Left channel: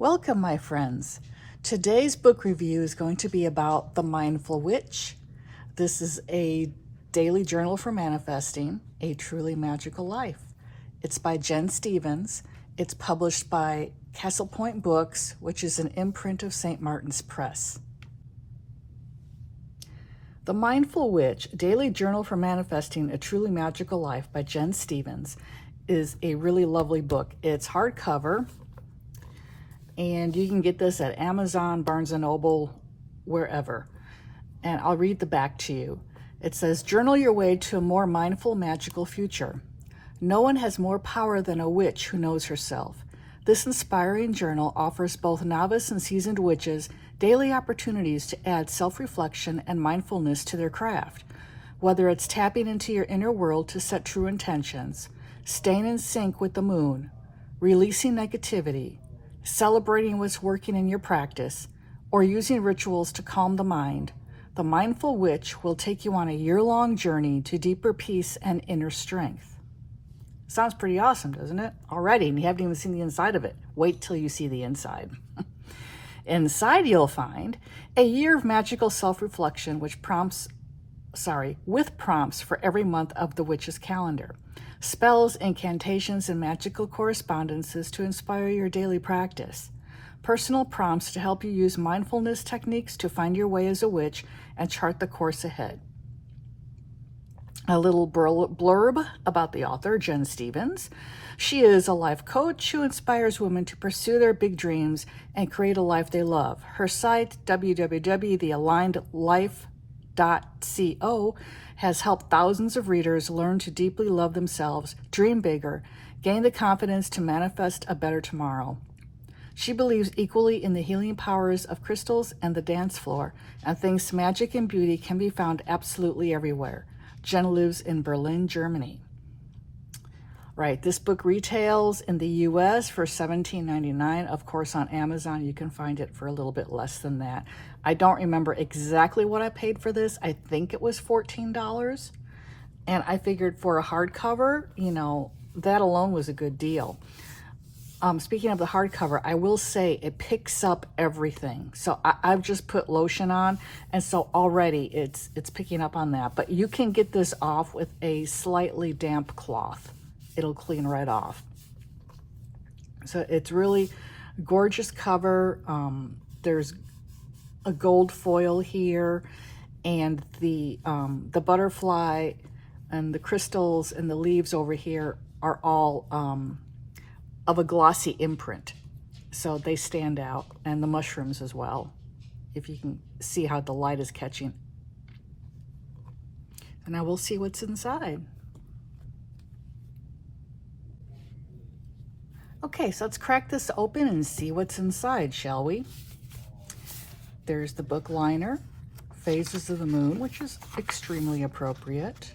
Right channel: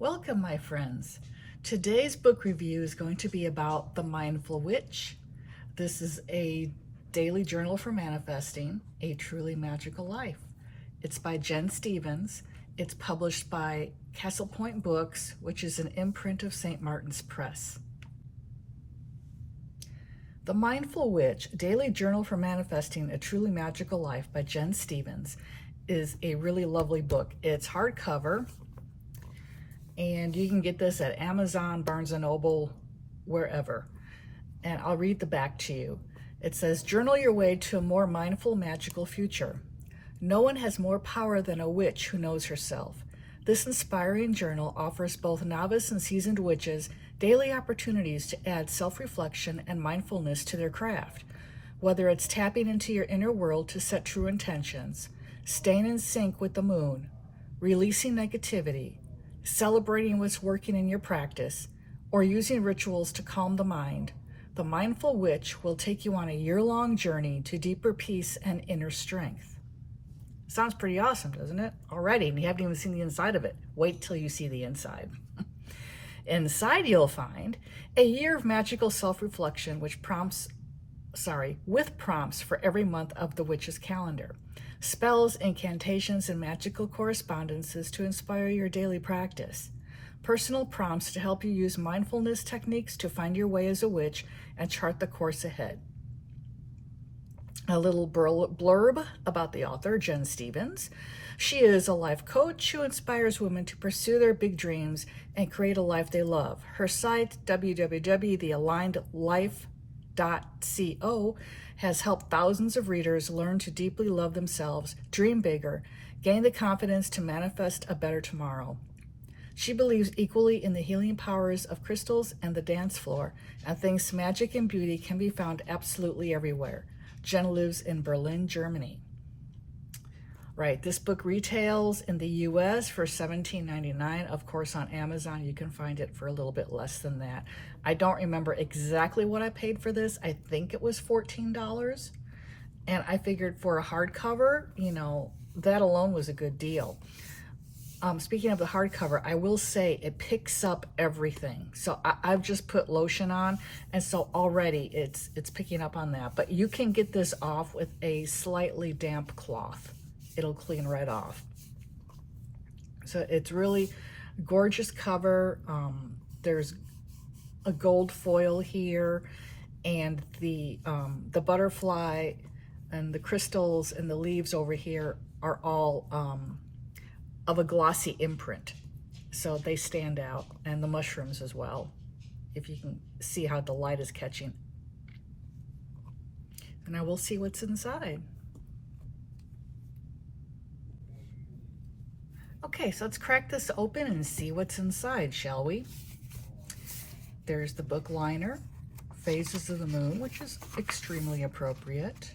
Welcome, my friends. Today's book review is going to be about The Mindful Witch. This is a daily journal for manifesting a truly magical life. It's by Jen Stevens. It's published by Castle Point Books, which is an imprint of St. Martin's Press. The Mindful Witch, Daily Journal for Manifesting a Truly Magical Life by Jen Stevens is a really lovely book. It's hardcover, and you can get this at Amazon, Barnes & Noble, wherever. And I'll read the back to you. It says, journal your way to a more mindful, magical future. No one has more power than a witch who knows herself. This inspiring journal offers both novice and seasoned witches daily opportunities to add self-reflection and mindfulness to their craft. Whether it's tapping into your inner world to set true intentions, staying in sync with the moon, releasing negativity, celebrating what's working in your practice, or using rituals to calm the mind, the Mindful Witch will take you on a year-long journey to deeper peace and inner strength. Sounds pretty awesome, doesn't it? Already, and you haven't even seen the inside of it. Wait till you see the inside. Inside, you'll find a year of magical self-reflection with prompts for every month of the witch's calendar. Spells, incantations, and magical correspondences to inspire your daily practice. Personal prompts to help you use mindfulness techniques to find your way as a witch and chart the course ahead. A little blurb about the author, Jen Stevens. She is a life coach who inspires women to pursue their big dreams and create a life they love. Her site, www.thealignedlife.co, has helped thousands of readers learn to deeply love themselves, dream bigger, gain the confidence to manifest a better tomorrow. She believes equally in the healing powers of crystals and the dance floor, and thinks magic and beauty can be found absolutely everywhere. Jen lives in Berlin, Germany. Right, this book retails in the US for $17.99. Of course, on Amazon, you can find it for a little bit less than that. I don't remember exactly what I paid for this. I think it was $14. And I figured for a hardcover, that alone was a good deal. Speaking of the hardcover, I will say it picks up everything. So I've just put lotion on, and so already it's picking up on that. But you can get this off with a slightly damp cloth. It'll clean right off. So it's really gorgeous cover. There's a gold foil here, and the butterfly and the crystals and the leaves over here are all of a glossy imprint, so they stand out, and the mushrooms as well, if you can see how the light is catching. And now we'll see what's inside. Okay, so let's crack this open and see what's inside, shall we? There's the book liner, Phases of the Moon, which is extremely appropriate.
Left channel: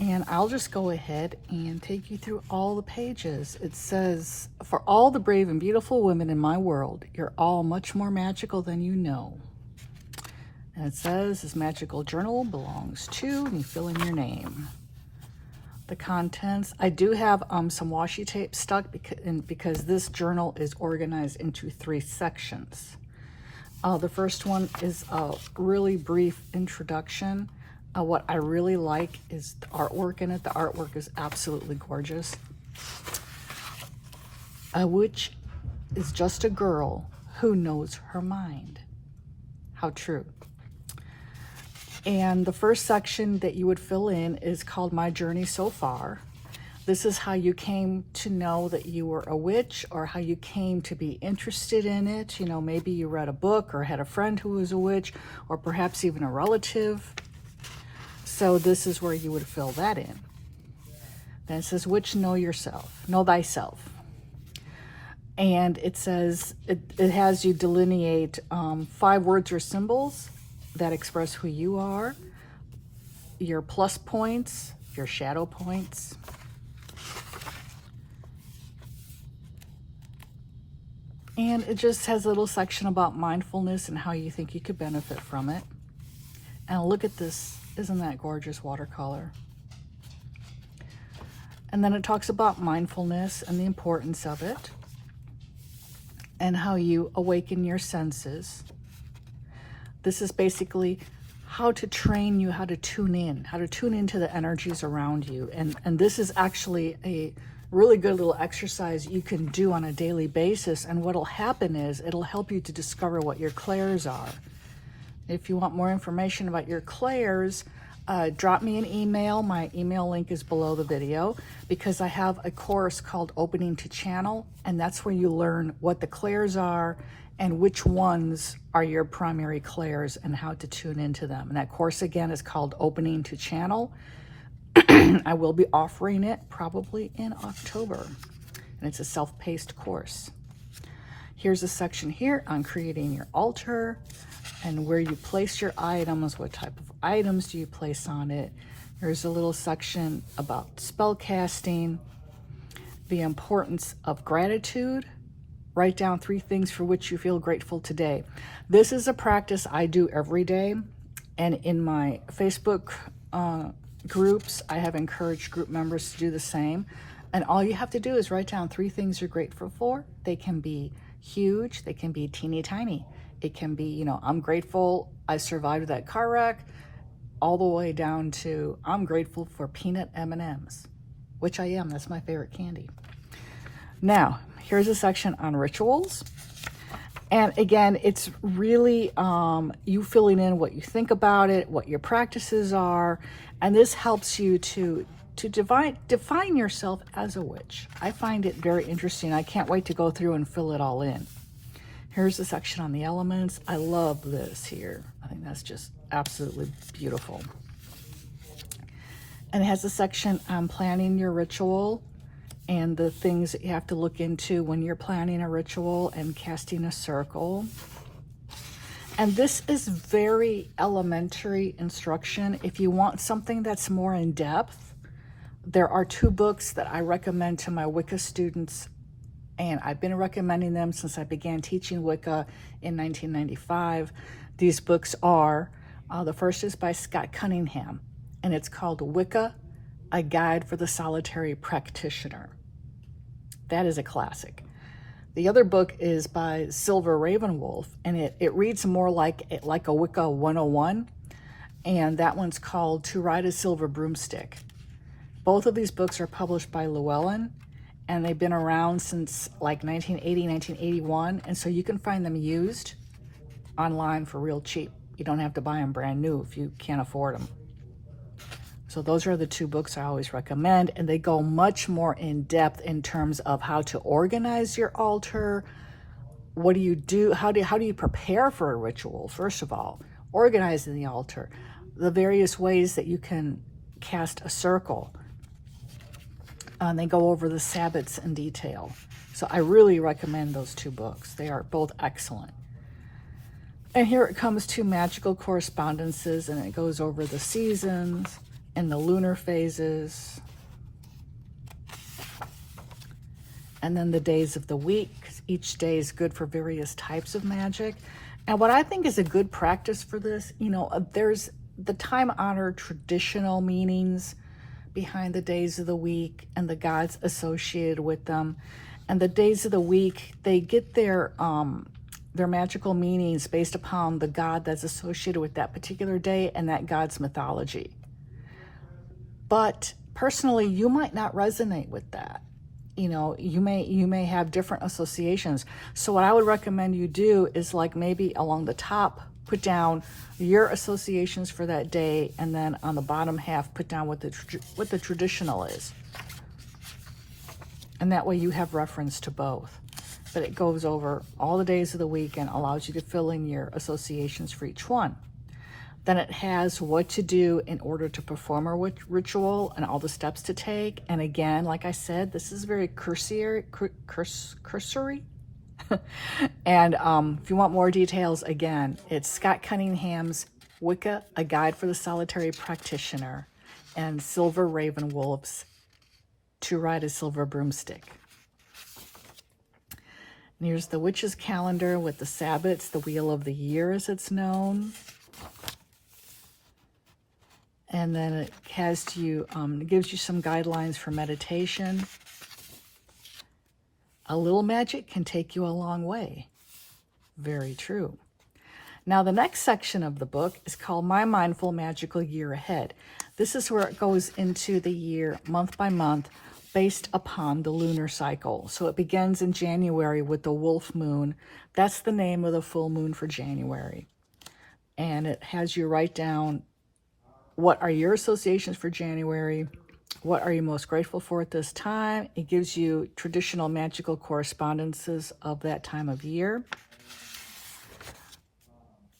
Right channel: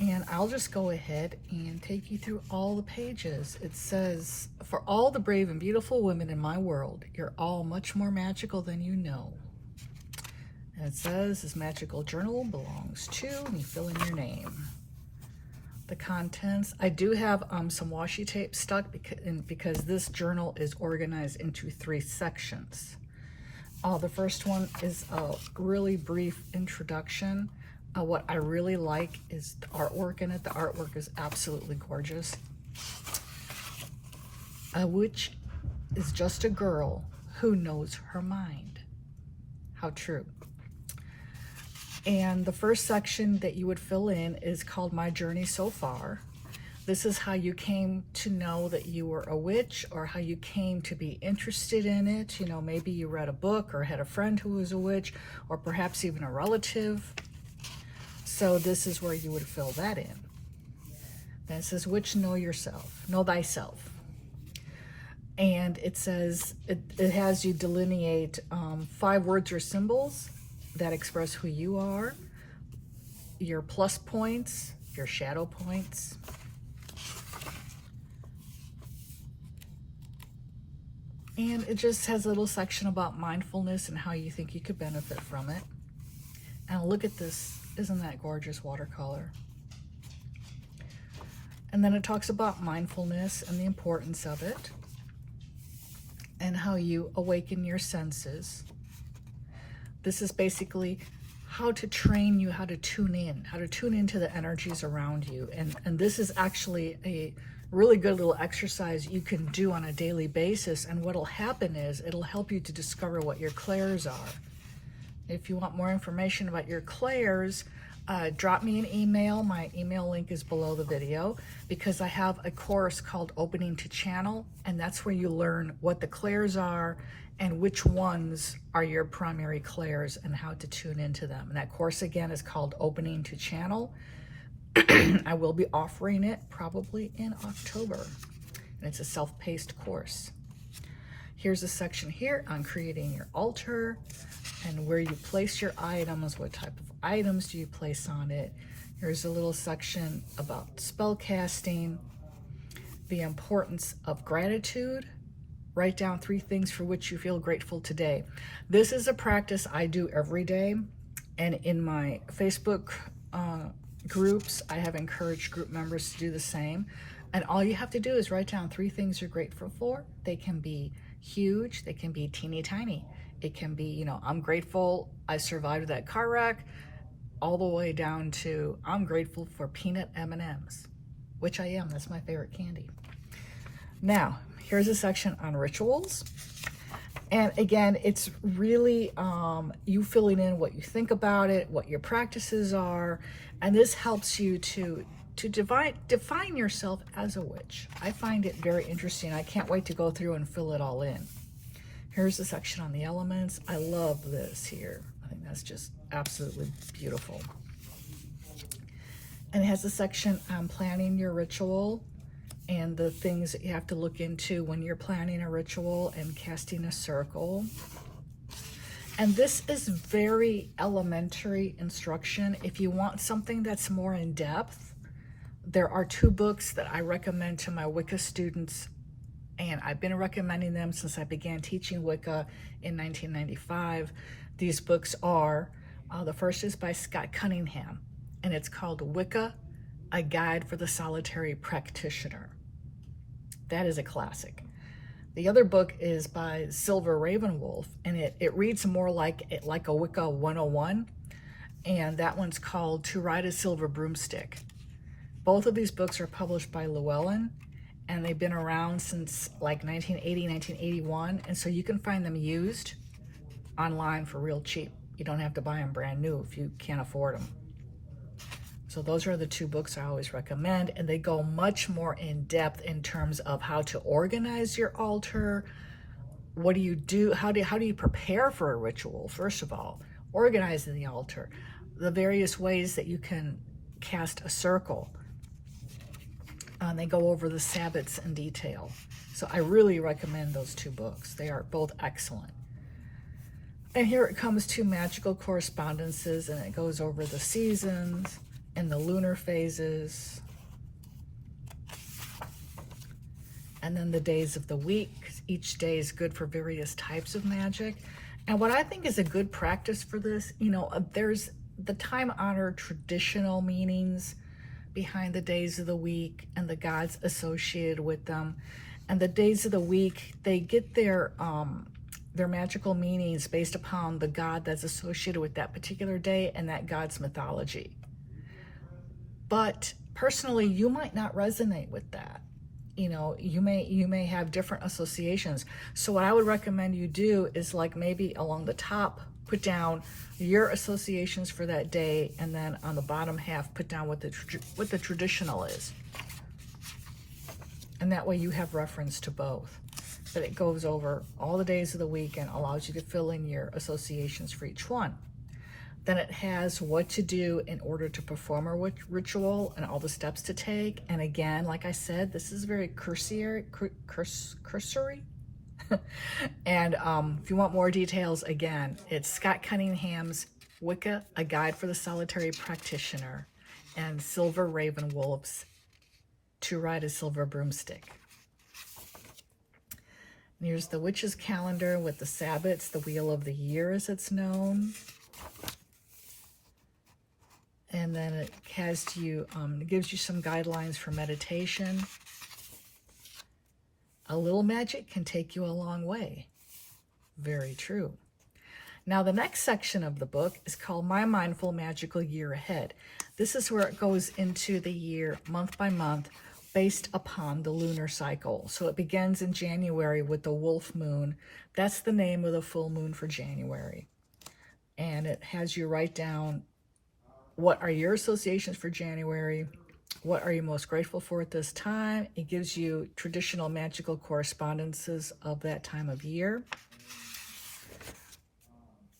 And I'll just go ahead and take you through all the pages. It says, for all the brave and beautiful women in my world, you're all much more magical than you know. And it says, this magical journal belongs to, and you fill in your name. The contents, I do have some washi tape stuck because this journal is organized into 3 sections. The first one is a really brief introduction. What I really like is the artwork in it. The artwork is absolutely gorgeous. A witch is just a girl who knows her mind. How true. And the first section that you would fill in is called My Journey So Far. This is how you came to know that you were a witch, or how you came to be interested in it. Maybe you read a book or had a friend who was a witch, or perhaps even a relative. So this is where you would fill that in. Then it says, Witch, know thyself. And it says, it has you delineate 5 words or symbols that express who you are, your plus points, your shadow points. And it just has a little section about mindfulness and how you think you could benefit from it. And look at this. Isn't that gorgeous watercolor? And then it talks about mindfulness and the importance of it. and how you awaken your senses. This is basically how to train you how to tune into the energies around you. And this is actually a really good little exercise you can do on a daily basis. And what'll happen is it'll help you to discover what your clairs are. If you want more information about your clairs, drop me an email. My email link is below the video, because I have a course called Opening to Channel, and that's where you learn what the clairs are and which ones are your primary clairs and how to tune into them. And that course again is called Opening to Channel. I will be offering it probably in October, and it's a self-paced course. Here's a section here on creating your altar and where you place your items, what type of items do you place on it. There's a little section about spell casting, the importance of gratitude. Write down 3 things for which you feel grateful today. This is a practice I do every day, and in my Facebook groups, I have encouraged group members to do the same. And all you have to do is write down 3 things you're grateful for. They can be huge, they can be teeny tiny. It can be, you know, I'm grateful I survived that car wreck, all the way down to I'm grateful for peanut M&Ms, which I am. That's my favorite candy. Now, here's a section on rituals. And again, it's really you filling in what you think about it, what your practices are, and this helps you to define yourself as a witch. I find it very interesting. I can't wait to go through and fill it all in. Here's the section on the elements. I love this here. I think that's just absolutely beautiful. And it has a section on planning your ritual and the things that you have to look into when you're planning a ritual and casting a circle. And this is very elementary instruction. If you want something that's more in depth, there are 2 books that I recommend to my Wicca students, and I've been recommending them since I began teaching Wicca in 1995. These books are, the first is by Scott Cunningham, and it's called Wicca, A Guide for the Solitary Practitioner. That is a classic. The other book is by Silver Ravenwolf, and it reads more like a Wicca 101, and that one's called To Ride a Silver Broomstick. Both of these books are published by Llewellyn, and they've been around since like 1980, 1981, and so you can find them used online for real cheap. You don't have to buy them brand new if you can't afford them. So those are the 2 books I always recommend, and they go much more in depth in terms of how to organize your altar. What do you do? How do you prepare for a ritual? First of all, organizing the altar, the various ways that you can cast a circle. And they go over the Sabbats in detail. So I really recommend those 2 books. They are both excellent. And here it comes to magical correspondences, and it goes over the seasons and the lunar phases, and then the days of the week. Each day is good for various types of magic. And what I think is a good practice for this, you know, there's the time-honored traditional meanings behind the days of the week and the gods associated with them. And the days of the week, they get their magical meanings based upon the god that's associated with that particular day and that god's mythology. But personally, you might not resonate with that. You know, you may have different associations. So what I would recommend you do is, like, maybe along the top, put down your associations for that day, and then on the bottom half, put down what the traditional is. And that way you have reference to both. But it goes over all the days of the week and allows you to fill in your associations for each one. Then it has what to do in order to perform a ritual and all the steps to take. And again, like I said, this is very cursory. And if you want more details, again, it's Scott Cunningham's Wicca, A Guide for the Solitary Practitioner, and Silver Ravenwolf's To Ride a Silver Broomstick. And here's the Witch's Calendar with the Sabbats, the Wheel of the Year as it's known. And then it has you, it gives you some guidelines for meditation. A little magic can take you a long way. Very true. Now, the next section of the book is called My Mindful Magical Year Ahead. This is where it goes into the year month by month based upon the lunar cycle. So it begins in January with the wolf moon. That's the name of the full moon for January. And it has you write down what are your associations for January, what are you most grateful for at this time. It gives you traditional magical correspondences of that time of year.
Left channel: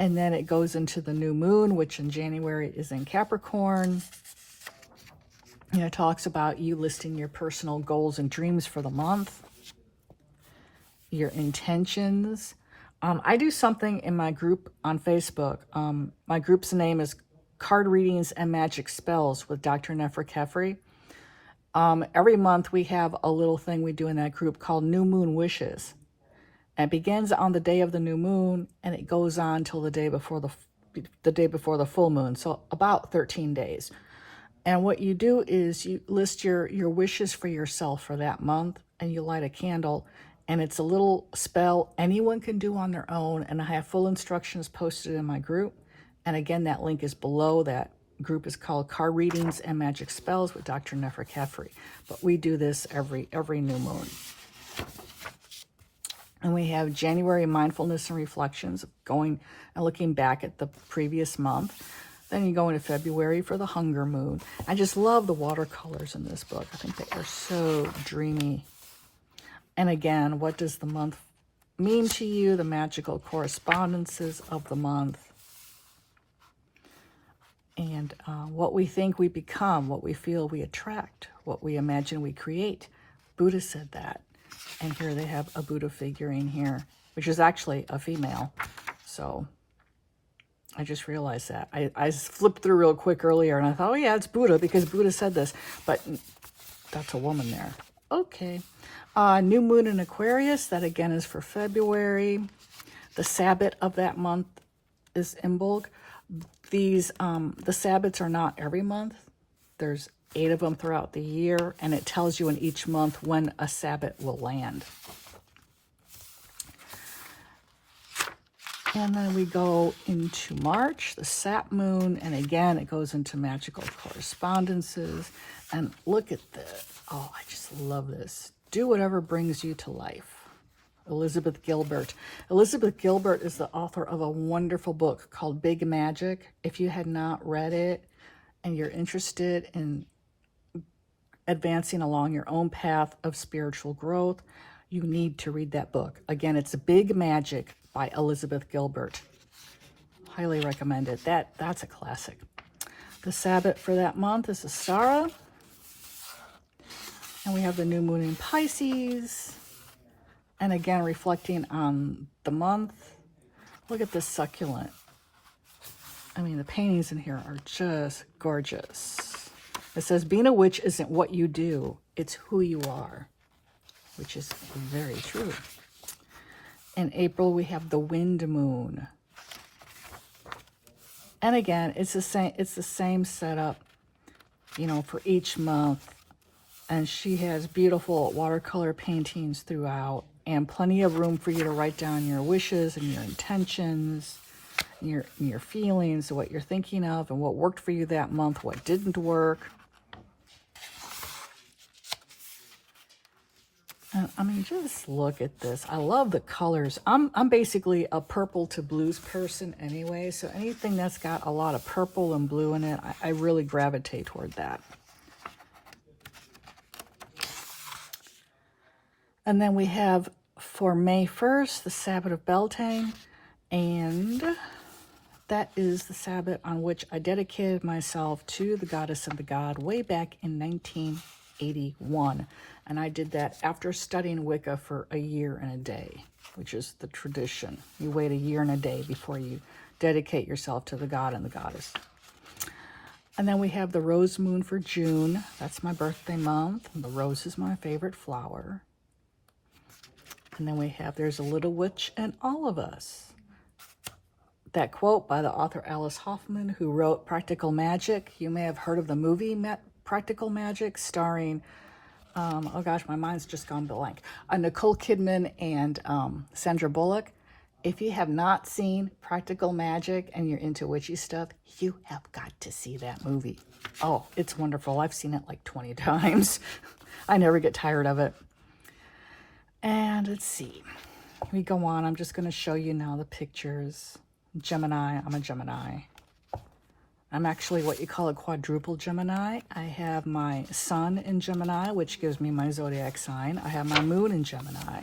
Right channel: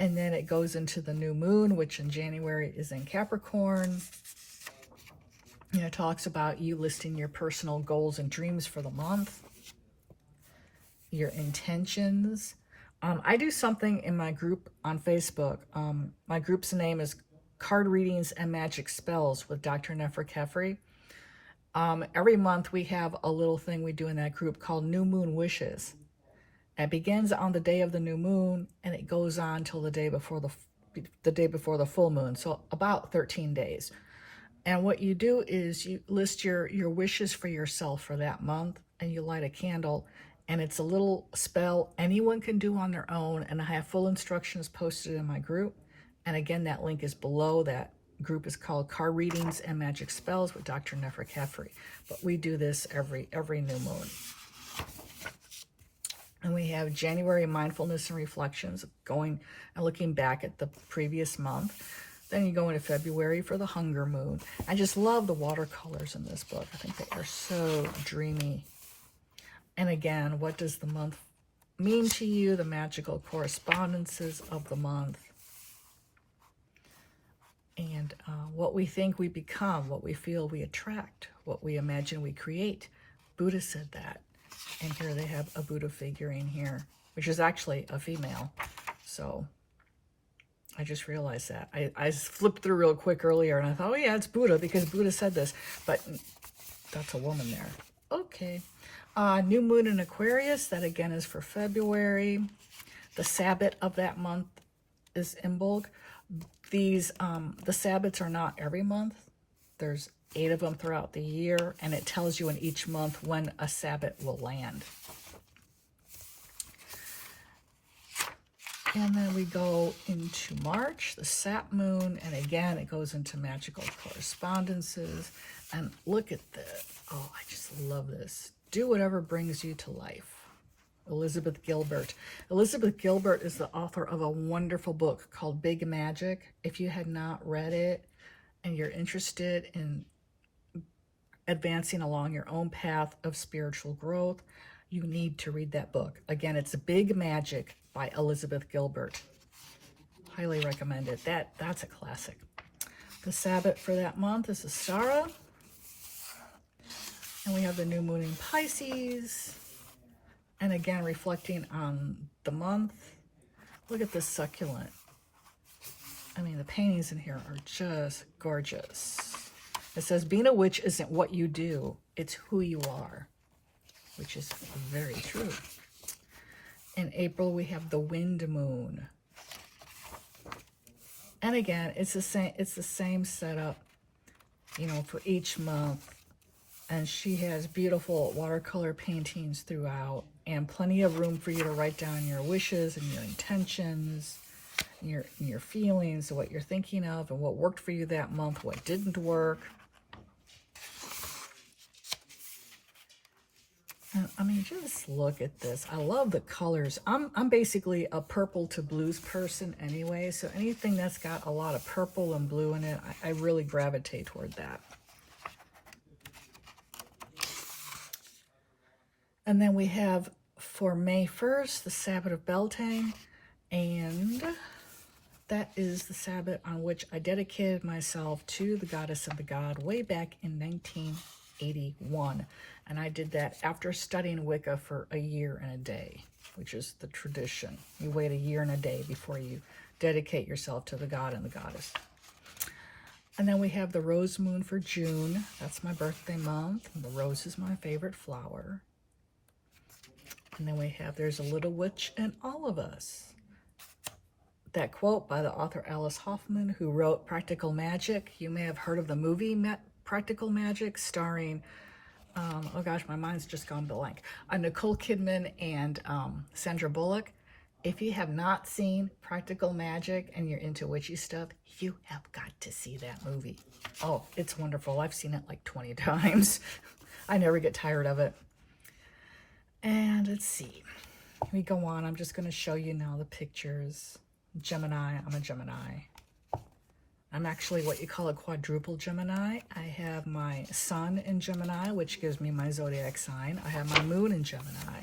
And then it goes into the new moon, which in January is in Capricorn. And it talks about you listing your personal goals and dreams for the month, your intentions. I do something in my group on Facebook. My group's name is Card Readings and Magic Spells with Dr. Nefra Kefri. Every month we have a little thing we do in that group called New Moon Wishes. It begins on the day of the new moon, and it goes on till the day before the full moon, so about 13 days. And what you do is you list your wishes for yourself for that month, and you light a candle, and it's a little spell anyone can do on their own, and I have full instructions posted in my group. And again, that link is below. That group is called Card Readings and Magic Spells with Dr. Nefra Kefri. But we do this every new moon. And we have January mindfulness and reflections, going and looking back at the previous month. Then you go into February for the hunger moon. I just love the watercolors in this book. I think they are so dreamy. And again, what does the month mean to you? The magical correspondences of the month. And what we think we become, what we feel we attract, what we imagine we create. Buddha said that. And here they have a Buddha figurine here, which is actually a female. So I just realized that. I flipped through real quick earlier, and I thought, oh yeah, it's Buddha, because Buddha said this. But that's a woman there. Okay. New moon in Aquarius. That again is for February. The Sabbath of that month is Imbolg. These, the Sabbats are not every month. There's 8 of them throughout the year, and it tells you in each month when a Sabbath will land. And then we go into March, the Sap moon, and again, it goes into magical correspondences. And look at this. Oh, I just love this. Do whatever brings you to life. Elizabeth Gilbert. Elizabeth Gilbert is the author of a wonderful book called Big Magic. If you had not read it and you're interested in advancing along your own path of spiritual growth, you need to read that book. Again, it's Big Magic by Elizabeth Gilbert. Highly recommend it. That's a classic. The Sabbath for that month is Astara. And we have the new moon in Pisces. And again, reflecting on the month. Look at this succulent. I mean, the paintings in here are just gorgeous. It says, being a witch isn't what you do, it's who you are, which is very true. In April, we have the wind moon. And again, it's the same setup, for each month. And she has beautiful watercolor paintings throughout, and plenty of room for you to write down your wishes and your intentions, your feelings, what you're thinking of, and what worked for you that month, what didn't work. I mean, just look at this. I love the colors. I'm basically a purple to blues person anyway, so anything that's got a lot of purple and blue in it, I really gravitate toward that. And then we have, for May 1st, the Sabbath of Beltane, and that is the Sabbath on which I dedicated myself to the goddess and the god way back in 1981. And I did that after studying Wicca for a year and a day, which is the tradition. You wait a year and a day before you dedicate yourself to the god and the goddess. And then we have the rose moon for June. That's my birthday month. And the rose is my favorite flower. And then we have, there's a little witch in all of us. That quote by the author Alice Hoffman, who wrote Practical Magic. You may have heard of the movie Practical Magic, starring oh gosh, my mind's just gone blank. Nicole Kidman and Sandra Bullock. If you have not seen Practical Magic and you're into witchy stuff, you have got to see that movie. Oh, it's wonderful. I've seen it like 20 times. I never get tired of it. And let's see. We go on. I'm just going to show you now the pictures. Gemini. I'm a Gemini. I'm actually what you call a quadruple Gemini. I have my sun in Gemini, which gives me my zodiac sign. I have my moon in Gemini.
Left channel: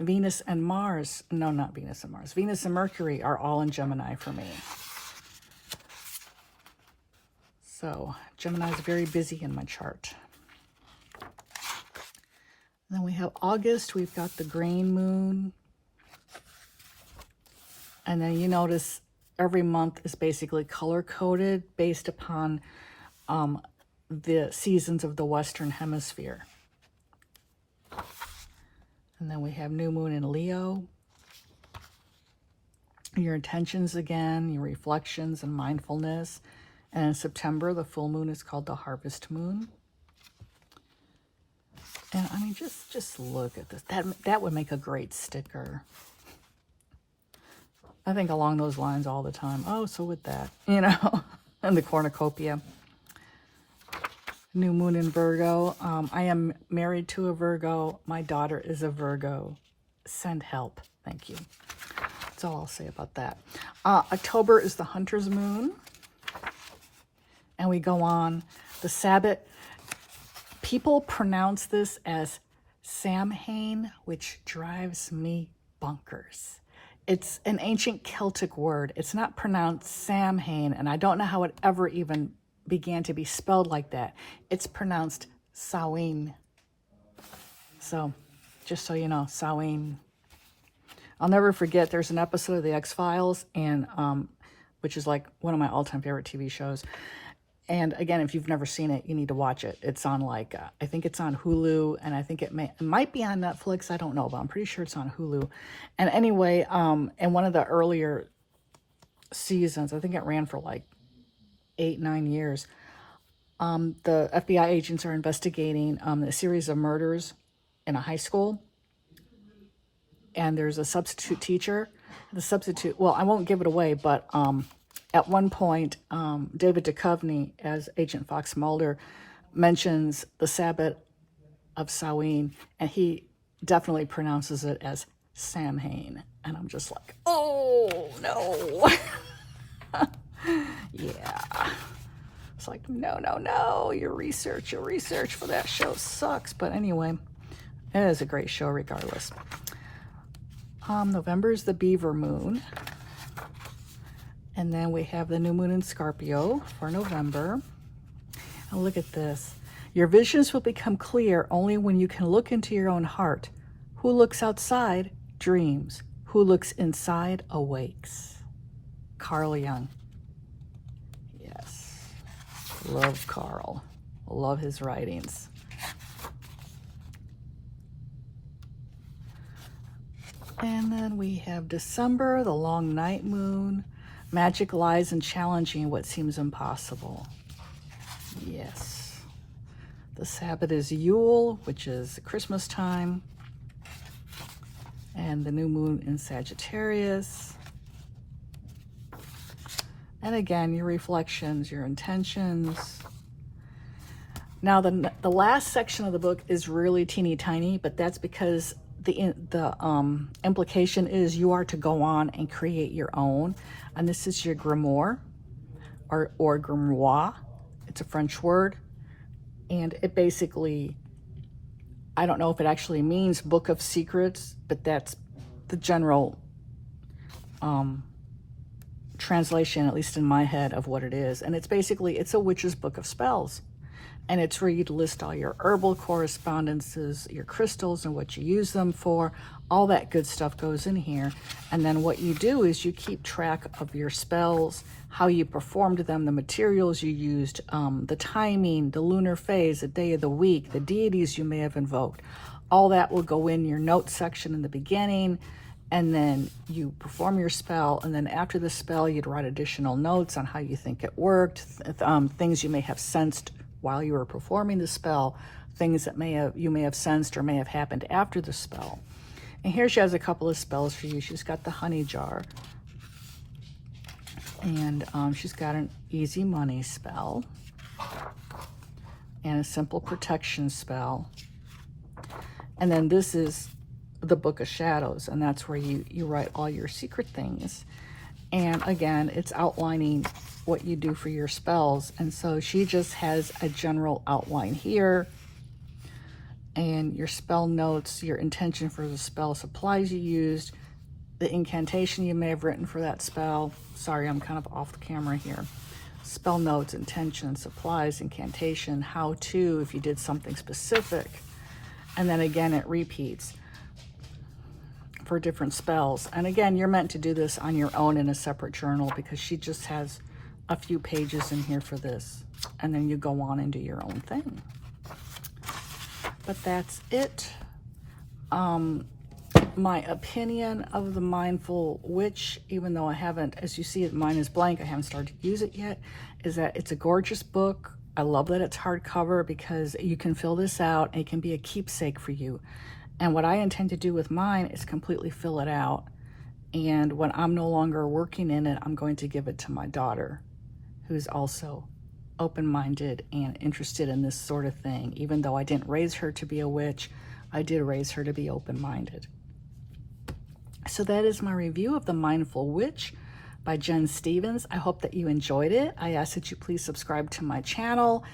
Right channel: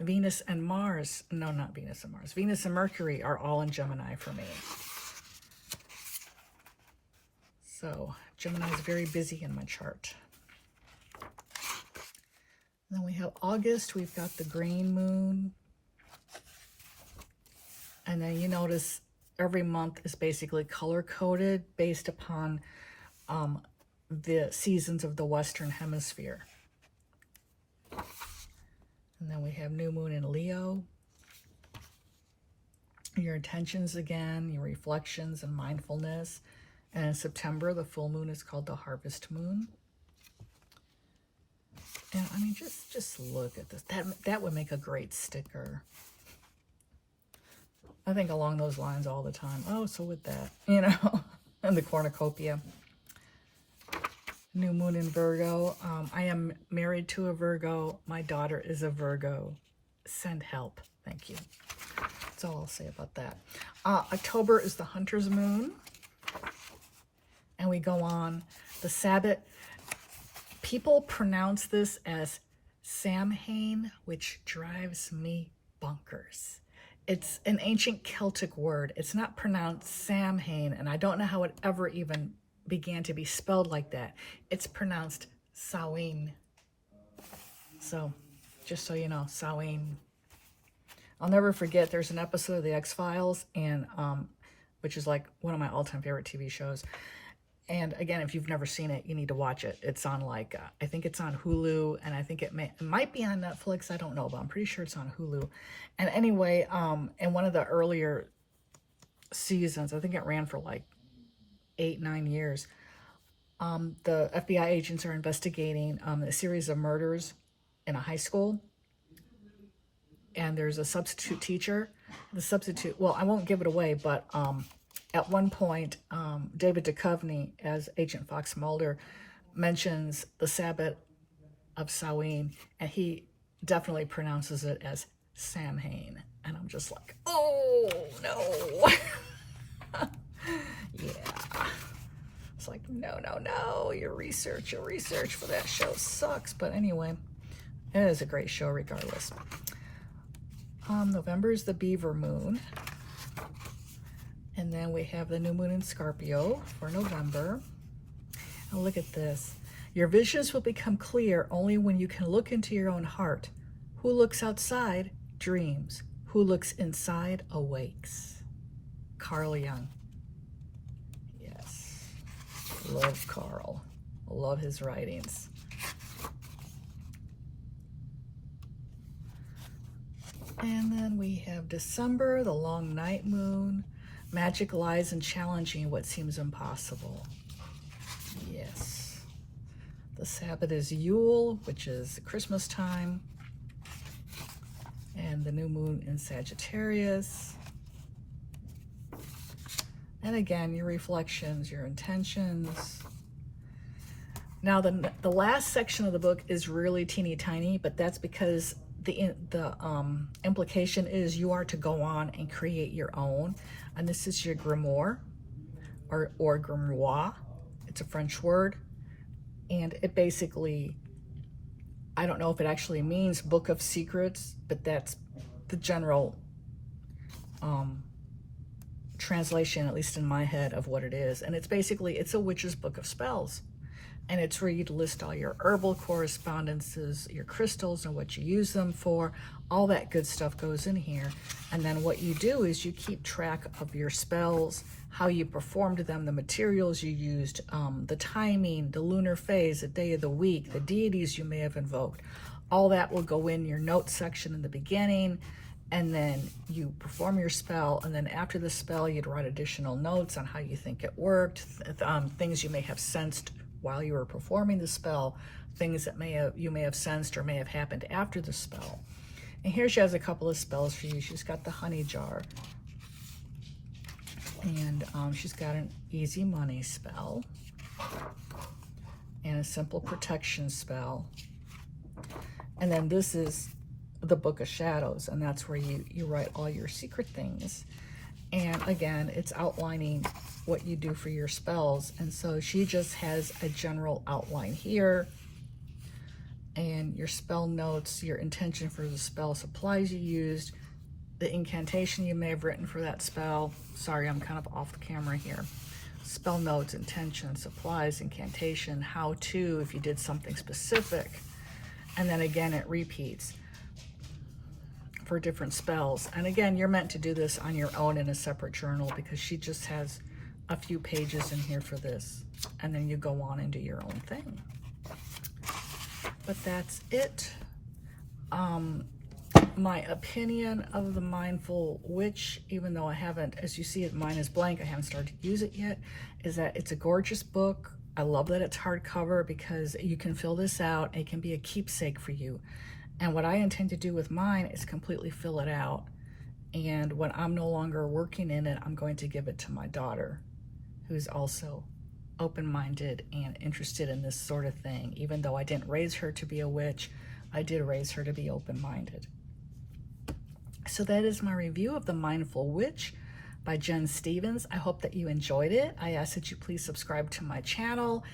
Venus and Mars, no, not Venus and Mars. Venus and Mercury are all in Gemini for me. So Gemini is very busy in my chart. Then we have August. We've got the grain moon. And then you notice every month is basically color-coded based upon the seasons of the Western Hemisphere. And then we have new moon in Leo. Your intentions again, your reflections and mindfulness. And in September, the full moon is called the harvest moon. And I mean, just look at this. That would make a great sticker. I think along those lines all the time. Oh, so with that, you know, and the cornucopia. New moon in Virgo. I am married to a Virgo. My daughter is a Virgo. Send help. Thank you. That's all I'll say about that. October is the Hunter's moon. And we go on. The Sabbath. People pronounce this as Samhain, which drives me bonkers. It's an ancient Celtic word. It's not pronounced Samhain, and I don't know how it ever even began to be spelled like that. It's pronounced Samhain. So, just so you know, Samhain. I'll never forget, there's an episode of The X-Files, and which is like one of my all-time favorite TV shows. And again, if you've never seen it, you need to watch it. It's on like, I think it's on Hulu, and I think it might be on Netflix. I don't know, but I'm pretty sure it's on Hulu. And anyway, in one of the earlier seasons, I think it ran for like 8-9 years, the FBI agents are investigating a series of murders in a high school. And there's a substitute teacher. The substitute, well, I won't give it away, but at one point, David Duchovny, as Agent Fox Mulder, mentions the Sabbath of Samhain, and he definitely pronounces it as Samhain. And I'm just like, oh, no. Yeah. It's like, no. Your research for that show sucks. But anyway, it is a great show regardless. November is the Beaver moon. And then we have the new moon in Scorpio for November. And look at this. Your visions will become clear only when you can look into your own heart. Who looks outside dreams. Who looks inside awakes. Carl Jung. Yes. Love Carl. Love his writings. And then we have December, the long night moon. Magic lies in challenging what seems impossible. Yes. The Sabbath is Yule, which is Christmas time. And the new moon in Sagittarius. And again, your reflections, your intentions. Now, the last section of the book is really teeny tiny, but that's because the implication is you are to go on and create your own. And this is your grimoire or grimoire. It's a French word. And it basically, I don't know if it actually means book of secrets, but that's the general translation, at least in my head, of what it is. And it's basically, it's a witch's book of spells. And it's where you list all your herbal correspondences, your crystals and what you use them for. All that good stuff goes in here. And then what you do is you keep track of your spells, how you performed them, the materials you used, the timing, the lunar phase, the day of the week, the deities you may have invoked. All that will go in your notes section in the beginning. And then you perform your spell. And then after the spell, you'd write additional notes on how you think it worked, things you may have sensed while you were performing the spell, things that you may have sensed or may have happened after the spell. And here she has a couple of spells for you. She's got the honey jar. And she's got an easy money spell. And a simple protection spell. And then this is the Book of Shadows. And that's where you write all your secret things. And again, it's outlining what you do for your spells. And so she just has a general outline here. And your spell notes, your intention for the spell, supplies you used, the incantation you may have written for that spell. Sorry, I'm kind of off the camera here. Spell notes, intention, supplies, incantation, how to, if you did something specific. And then again, it repeats for different spells. And again, you're meant to do this on your own in a separate journal, because she just has a few pages in here for this. And then you go on and do your own thing. But that's it. My opinion of the Mindful Witch, even though I haven't, as you see it, mine is blank, I haven't started to use it yet, is that it's a gorgeous book. I love that it's hardcover, because you can fill this out. It can be a keepsake for you. And what I intend to do with mine is completely fill it out. And when I'm no longer working in it, I'm going to give it to my daughter, who's also open-minded and interested in this sort of thing. Even though I didn't raise her to be a witch, I did raise her to be open-minded. So that is my review of The Mindful Witch by Jen Stevens. I hope that you enjoyed it. I ask that you please subscribe to my channel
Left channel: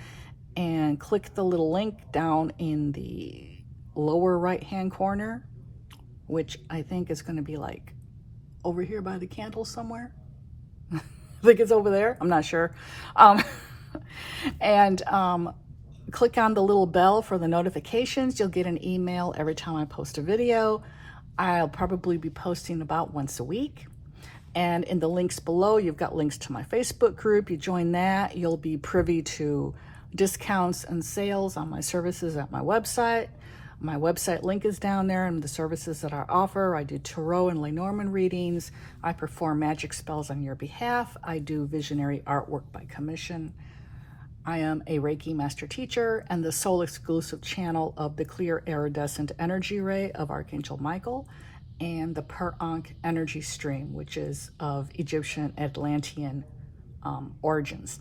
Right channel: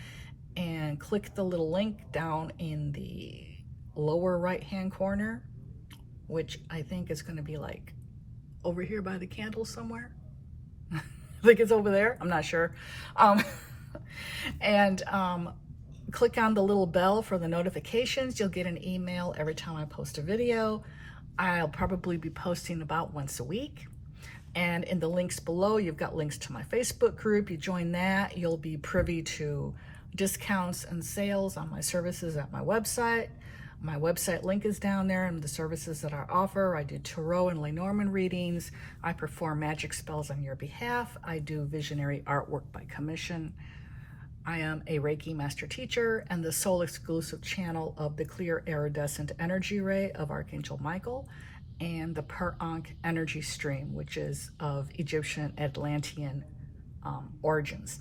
and click the little link down in the lower right-hand corner, which I think is going to be like over here by the candle somewhere. I think it's over there. I'm not sure. And click on the little bell for the notifications. You'll get an email every time I post a video. I'll probably be posting about once a week. And in the links below, you've got links to my Facebook group. You join that, you'll be privy to discounts and sales on my services at my website. My website link is down there, and the services that I offer. I do tarot and Lenormand readings. I perform magic spells on your behalf. I do visionary artwork by commission. I am a Reiki master teacher and the sole exclusive channel of the clear iridescent energy ray of Archangel Michael and the Per-Ankh energy stream, which is of Egyptian Atlantean origins.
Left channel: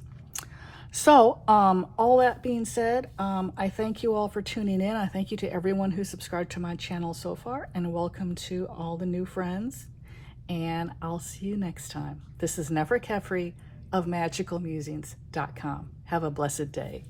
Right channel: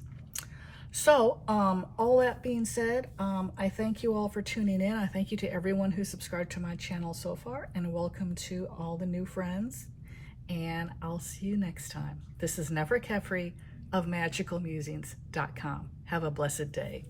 So all that being said, I thank you all for tuning in. I thank you to everyone who subscribed to my channel so far, and welcome to all the new friends. And I'll see you next time. This is Nefer Kefri of MagickalMusings.com. Have a blessed day.